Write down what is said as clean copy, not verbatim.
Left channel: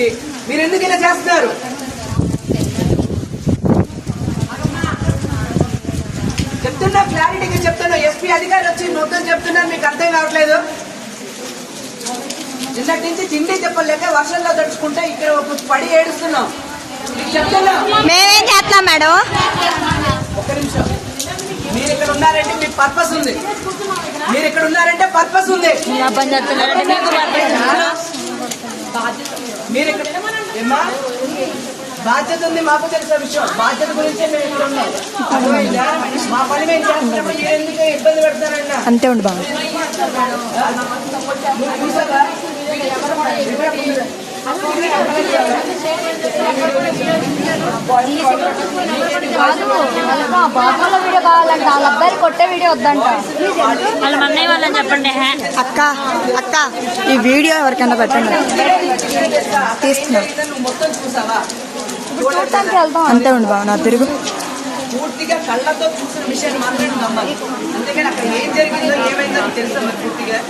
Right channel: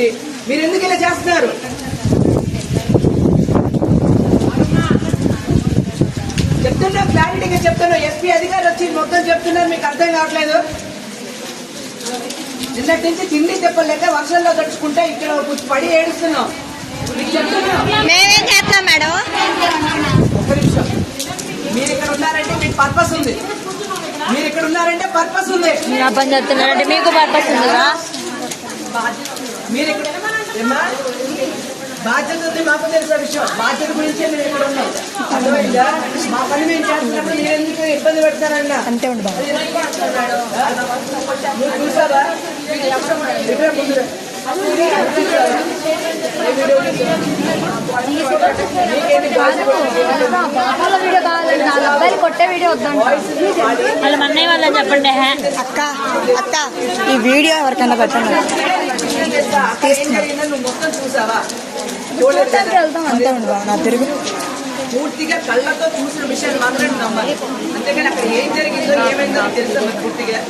ఉంది. మీరు ఎందుకు ఇలా చేస్తున్నారు? చెప్తున్నా, క్లారిటీగా చెప్తున్నా. ఎస్పీ అధికారులు వచ్చి మొత్తం చెప్తున్నారు, మీకు అర్థం కావట్లేదు. నిన్నటి నుంచి తిండి చెప్పలేక వర్షంలో తడుచుకుంటే ఇక్కడ పడి ఏడుస్తున్నాం. మేమేం చేస్తున్నాం మేడం? ఒక్క నిమిషం. మీరు ఇక్కడ ఉన్నారంటే మీకు పర్పస్ ఉంది. మీరు ఇక్కడ ఉన్నారంటే పర్పస్ ఉంది. పని చేస్తున్నారంటే మీకు పర్పస్ ఉందా? మీరు ఇక్కడ ఏమా బాధ్యత ఉంది, మాకు తెలిసిన విషయం. బాధ్యత గురించే మేము ఇక్కడ ఉన్నాం. అర్థమైందా? మా పని మేము చేస్తున్నప్పుడు మీరు ఎందుకు ఇబ్బంది పెడతారన్నా? అంతే ఉండి బాగా చూసారా? బాబాలో వీడియో కావాలంటే 4 అబ్బాయిలు కొట్టే వీడియో వద్దంట. వాళ్ళ అన్నయ్య వాళ్ళని చెప్పండి. అక్క అక్క ఈ వీడియో ఎవరికైనా పెట్టండి. మొత్తం చూసావా? చూడటానికి వెళ్తాం. అంతే ఉండి బాబు నా తిరుగు పూర్తిగా కళ్ళతో చూసిన విషయాన్ని మాత్రమే నమ్మాలి. అంతేగాని అక్కడ ఏం జరిగిందో ఏమైందో తెలుసా పూర్తిగా.